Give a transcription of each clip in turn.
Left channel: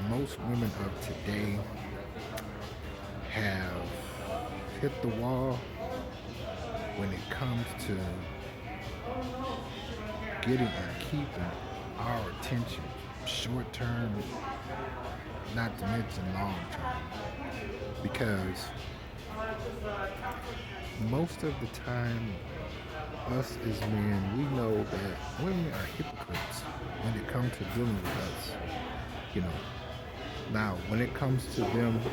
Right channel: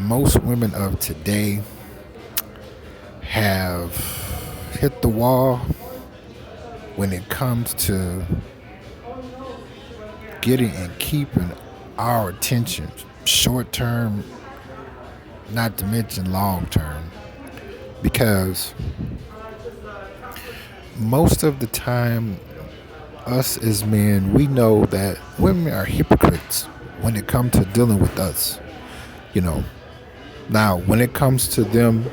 most women of today have hit the wall when it comes to getting and keeping our attention, short term, not to mention long term. Because most of the time, us as men, we know that women are hypocrites when it comes to dealing with us. You know, now when it comes to them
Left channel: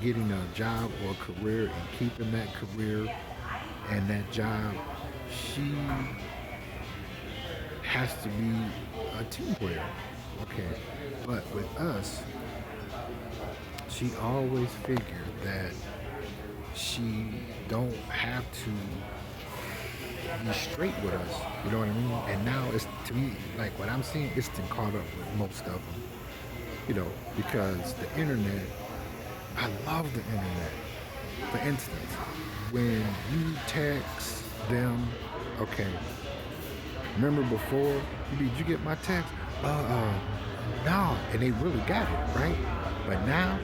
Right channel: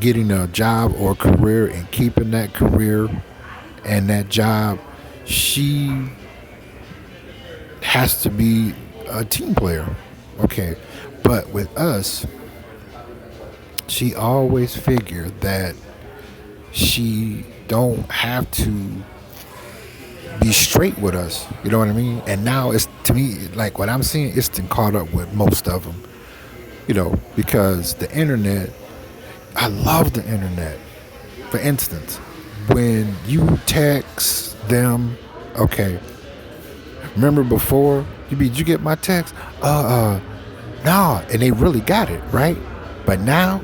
getting a job or career and keeping that career and that job, she has to be a team player. Okay. But with us, she always figured that she don't have to be straight with us. You know what I mean? And now it's to me like what I'm seeing. It's been caught up with most of them. Because the internet. I love the internet. For instance, when you text them, okay. Remember before did you get my text? No, and they really got it right. But now,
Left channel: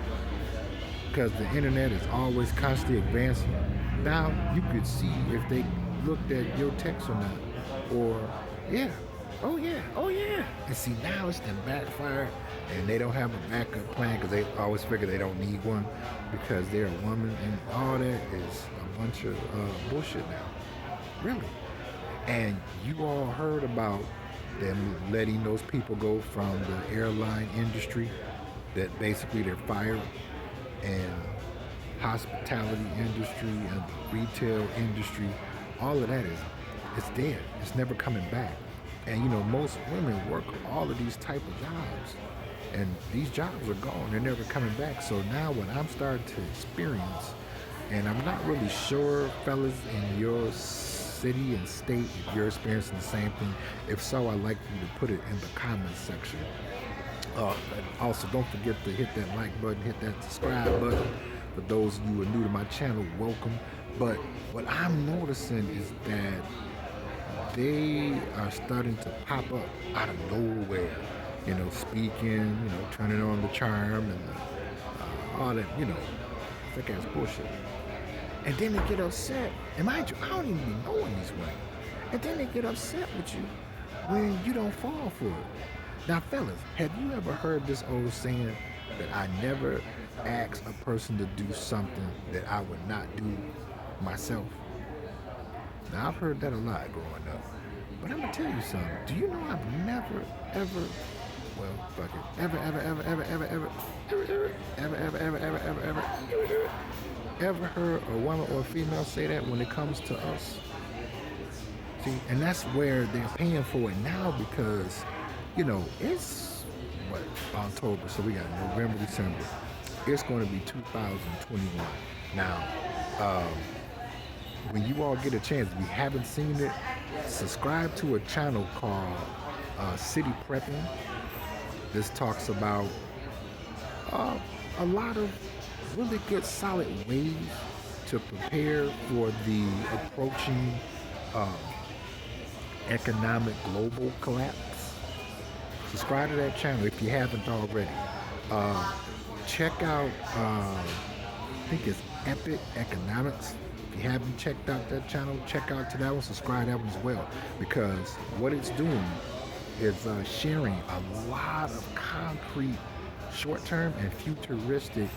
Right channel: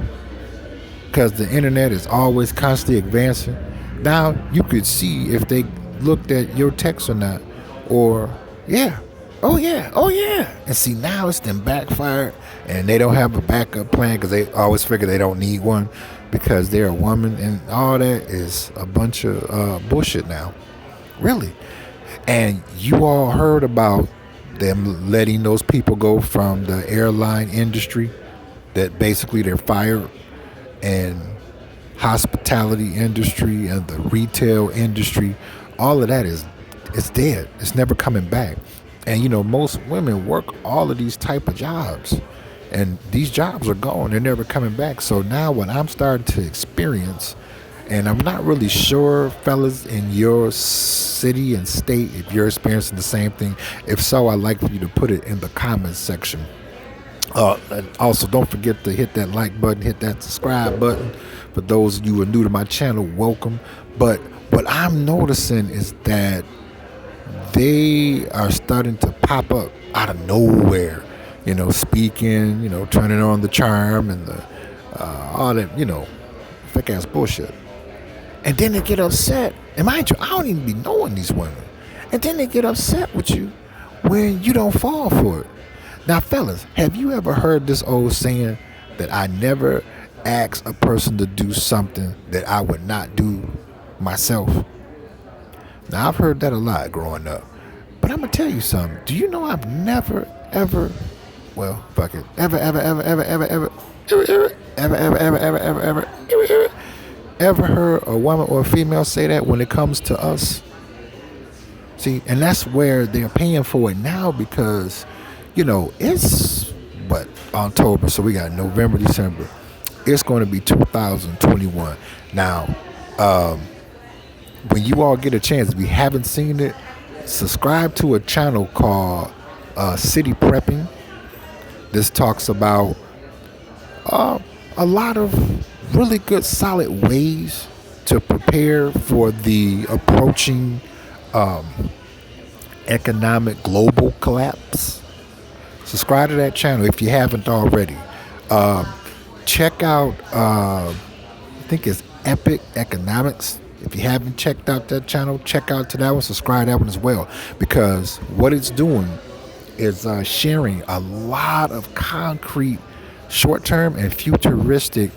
because the internet is always constantly advancing, now you could see if they looked at your text or not. Or, yeah, oh yeah, oh yeah. And see, now it's then backfired and they don't have a backup plan because they always figure they don't need one because they're a woman. And all that is a bunch of bullshit now. Really. And you all heard about them letting those people go from the airline industry, that basically they're fired, and hospitality industry and the retail industry. All of that is it's dead. It's never coming back. And most women work all of these type of jobs, and these jobs are gone. They're never coming back. So now what I'm starting to experience, and I'm not really sure, fellas, in your city and state, if you're experiencing the same thing. If so, I'd like for you to put it in the comments section. And also, don't forget to hit that like button, hit that subscribe button. For those of you who are new to my channel, welcome. But what I'm noticing is that they are starting to pop up out of nowhere. Speaking, turning on the charm and all that, fake ass bullshit. And then they get upset. And mind you, I don't even be knowing these women. And then they get upset with you when you don't fall for it. Now, fellas, have you ever heard this old saying that I never ask a person to do something that I would not do myself? Now, I've heard that a lot growing up. But I'm going to tell you something. Do you know I've never, ever, well, fuck it, ever heard a woman or a female say that when it comes to us? See, and that's where they're paying for it now because, it's what, October, so we got November, December. It's going to be 2021. Now, when you all get a chance, if you haven't seen it, subscribe to a channel called City Prepping. This talks about a lot of really good, solid ways to prepare for the approaching economic global collapse. Subscribe to that channel if you haven't already. Check out, I think it's Epic Economics. If you haven't checked out that channel, check out to that one. Subscribe to that one as well. Because what it's doing is sharing a lot of concrete short-term and futuristic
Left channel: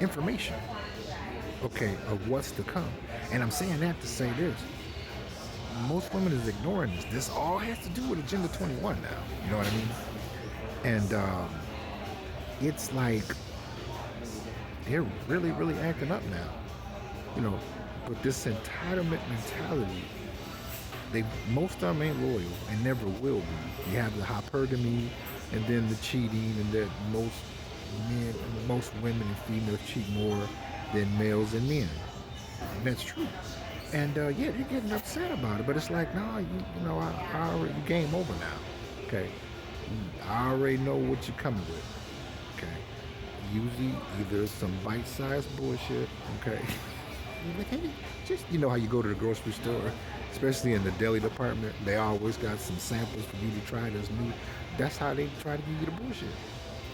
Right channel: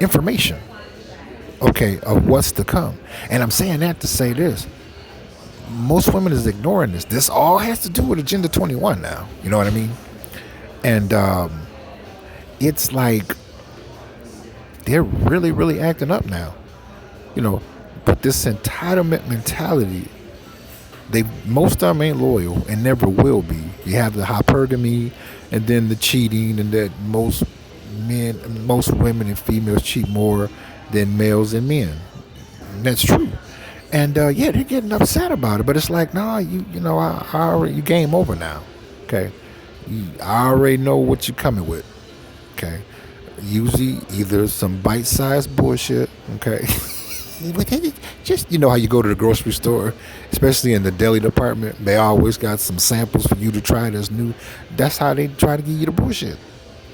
information, okay, of what's to come. And I'm saying that to say this. Most women is ignoring this. This all has to do with Agenda 21 now. You know what I mean? And it's like they're really, really acting up now. But this entitlement mentality, most of them ain't loyal and never will be. You have the hypergamy and then the cheating, and that most women and females cheat more than males and men. And that's true. And yeah, they're getting upset about it, but it's like, nah, I already, you game over now. Okay, I already know what you're coming with. Okay, usually either some bite-sized bullshit. Okay, Just how you go to the grocery store, especially in the deli department, they always got some samples for you to try that's new. That's how they try to give you the bullshit.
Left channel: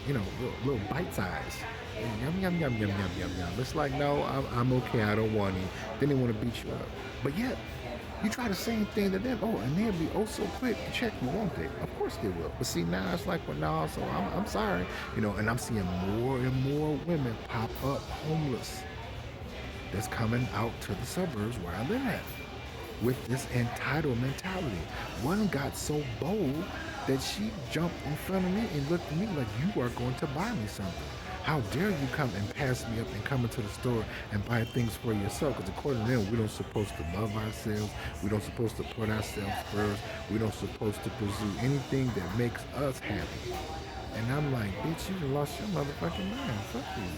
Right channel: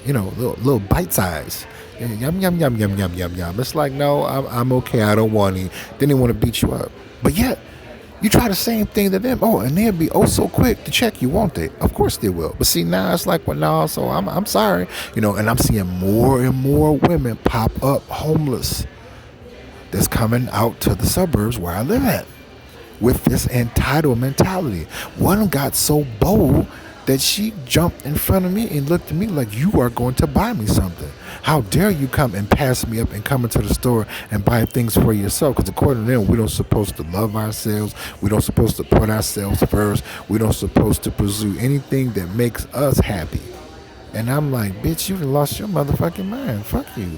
Little bite size. Yum yum yum yum yum yum yum. It's like, no, I'm okay. I don't want any. Then they want to beat you up. But yet, you try the same thing to them. Oh, and they'll be oh so quick to check you, won't they? Of course they will. But see, now it's like, well, no. So I'm sorry. And I'm seeing more and more women pop up homeless. That's coming out to the suburbs where I live at with this entitled mentality. One got so bold that she jumped in front of me and looked at me like, you are going to buy me something. How dare you come and pass me up and come into the store and buy things for yourself? Because according to them, we don't supposed to love ourselves. We don't supposed to put ourselves first. We don't supposed to pursue anything that makes us happy. And I'm like, bitch, you done lost your motherfucking mind. Fuck you.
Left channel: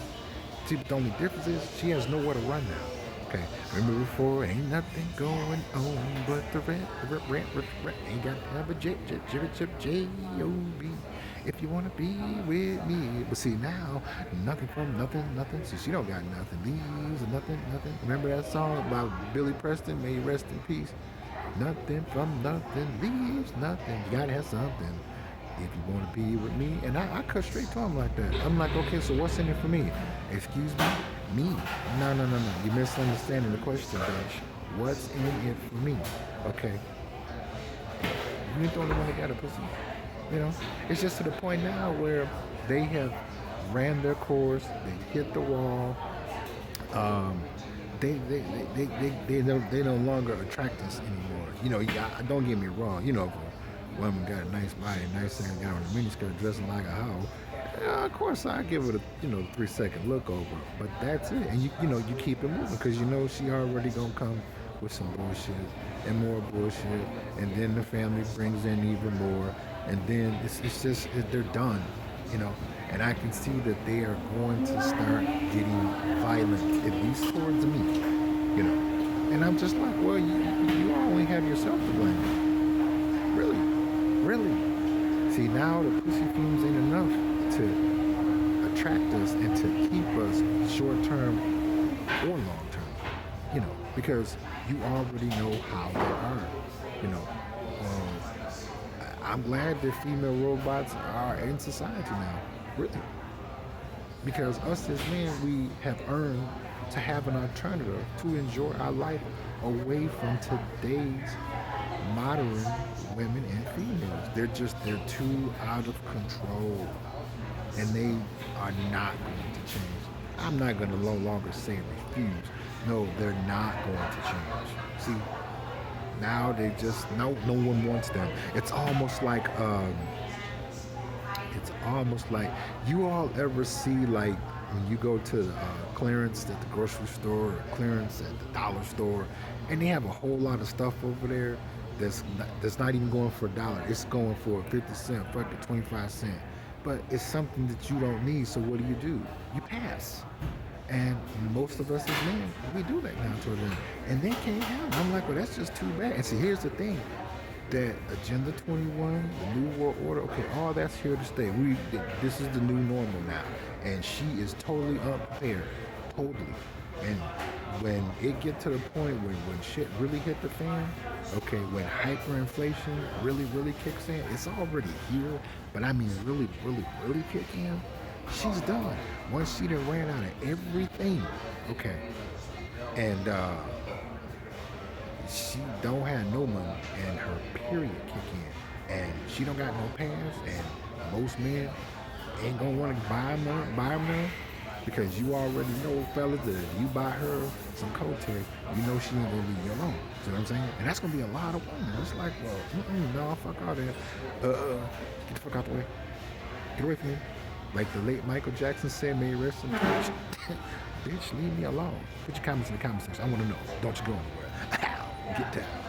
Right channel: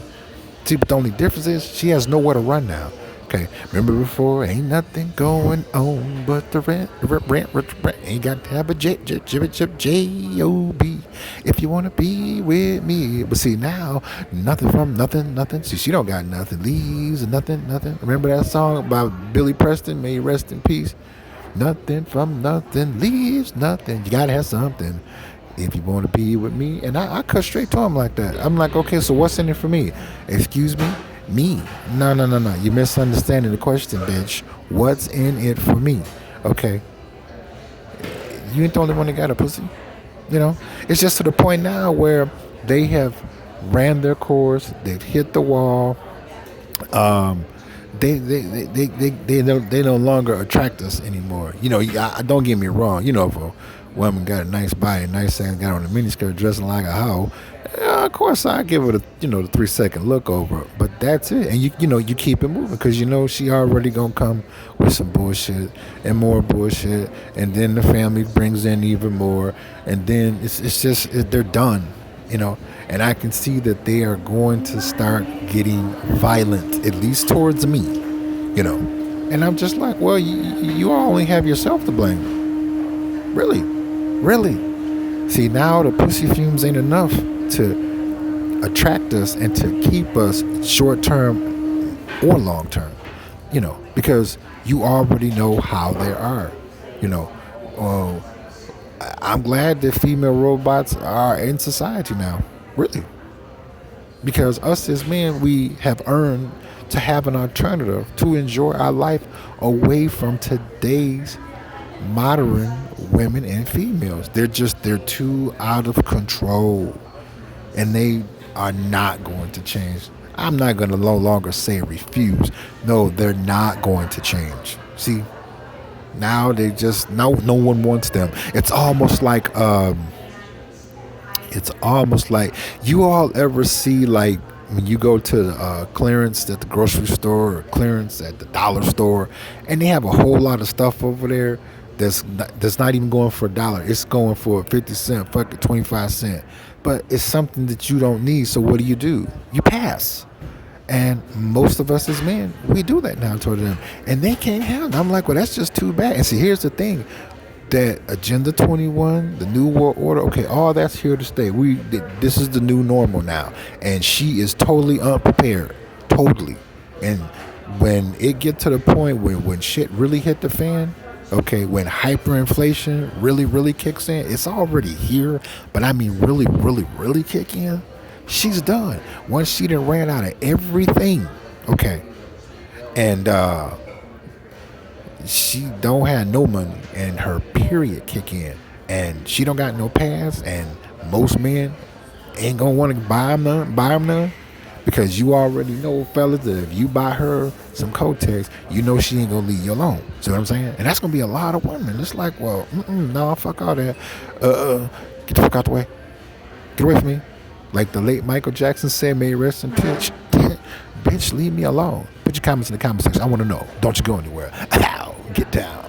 See, but the only difference is she has nowhere to run now. Okay, remember before? Ain't nothing going on but the rent. Ain't got to have a J-O-B if you want to be with me. But see, now, nothing from nothing. See, she don't got nothing. Leaves and nothing. Remember that song about Billy Preston? May he rest in peace. Nothing from nothing. Leaves nothing. You got to have something if you want to be with me. And I cut straight to him like that. I'm like, okay, so what's in it for me? Excuse me? Me? No. You're misunderstanding the question, bitch. What's in it for me? Okay. You ain't the only one that got a pussy. It's just to the point now where they have ran their course. They've hit the wall. They no longer attract us anymore. Don't get me wrong. If a woman got a nice body, nice ass, got on a miniskirt, dressing like a hoe, of course I give it the 3-second look over. But that's it, and you keep it moving because she already gonna come with some bullshit and more bullshit, and then the family brings in even more, and then it's just they're done, and I can see that they are going to start getting violent, at least towards me, and I'm just like, well, you only have yourself to blame, really. See, now the pussy fumes ain't enough to attract us and to keep us short term or long term, because you already know how they are, I'm glad that female robots are in society now, really, because us as men, we have earned to have an alternative to enjoy our life away from today's modern women and females. They're too out of control, and they are not going to change. I'm not going to no longer say refuse. No, they're not going to change. See, now they just no one wants them. It's almost like you all ever see, like, when you go to clearance at the grocery store or clearance at the dollar store, and they have a whole lot of stuff over there that's not even going for $1. It's going for 50 cent, fuck it, 25 cent. But it's something that you don't need, so what do? You pass. And most of us as men, we do that now toward them. And they can't handle it. I'm like, well, that's just too bad. And see, here's the thing. That Agenda 21, the New World Order, okay, all that's here to stay. This is the new normal now. And she is totally unprepared. Totally. And when it get to the point when shit really hit the fan, okay, when hyperinflation really kicks in, it's already here, but I mean really kick in, she's done. Once she done ran out of everything, okay, and she don't have no money, and her period kick in, and she don't got no pass, and most men ain't gonna want to buy them none, because you already know, fellas, that if you buy her some Kotex, you know she ain't gonna leave you alone. See what I'm saying? And that's gonna be a lot of women. It's like, well, no, fuck all that. Get the fuck out the way. Get away from me. Like the late Michael Jackson said, may he rest in peace. Bitch, leave me alone. Put your comments in the comment section. I want to know. Don't you go anywhere. Ow, get down.